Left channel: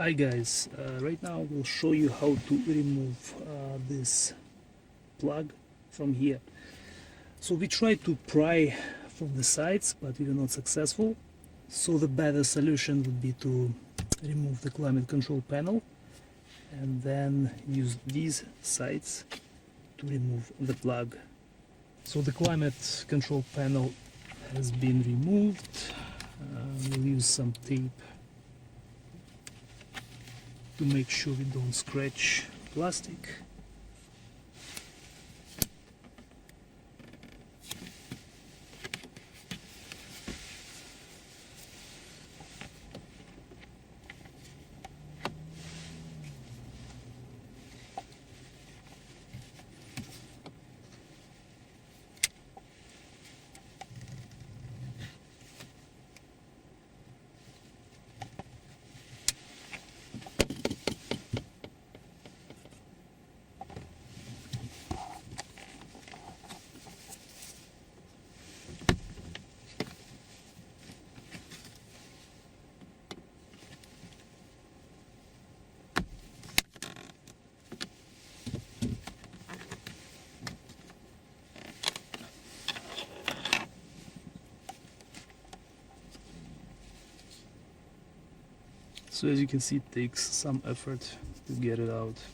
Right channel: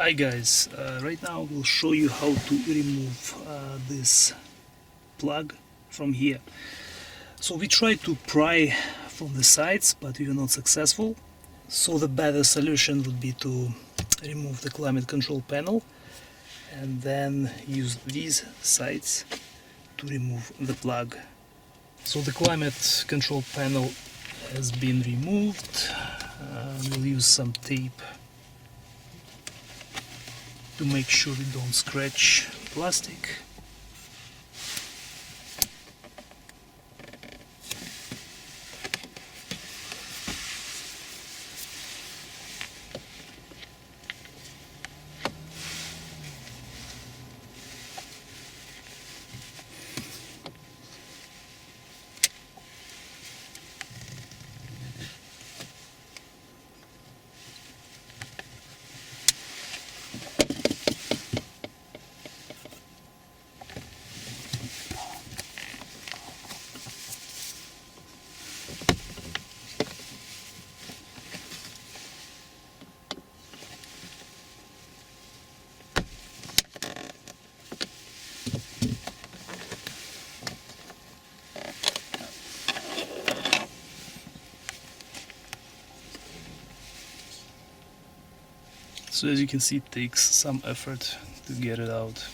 Hi guys, right now we'll show you how to remove this plug from here. So we tried to pry from the sides, but we were not successful. So the better solution would be to remove the climate control panel and then use these sides to remove the plug. So the climate control panel has been removed. We'll use some tape to make sure we don't scratch plastic. So as you can see, it takes some effort to get it out.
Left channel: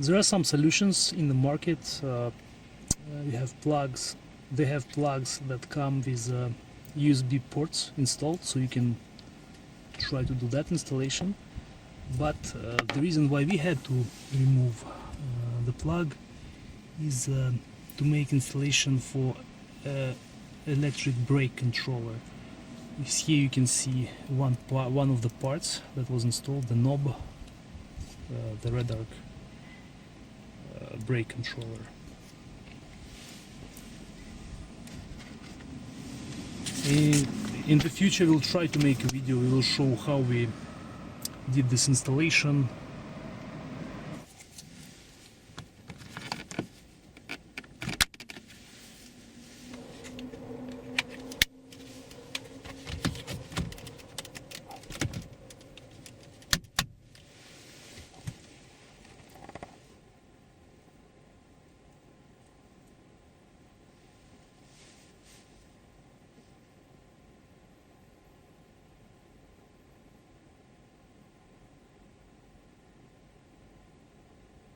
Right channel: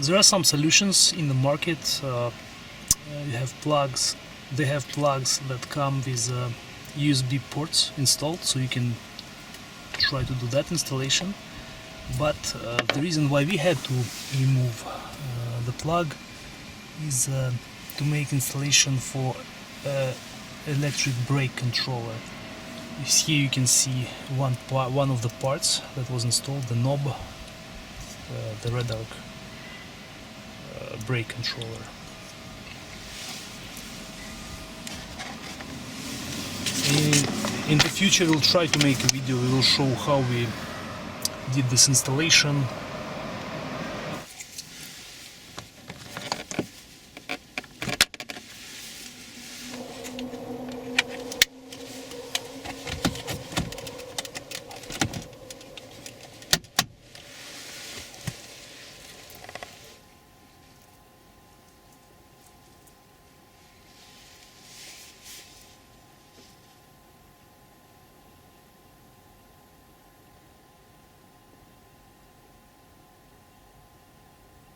There are some solutions in the market. You have plugs. They have plugs that come with USB ports installed, so you can try to do that installation. But the reason why we had to remove the plug is to make installation for electric brake controller. Here you can see one of the parts that was installed, the knob, the red arc brake controller. In the future we'll try to make a video. We will show how we did this installation,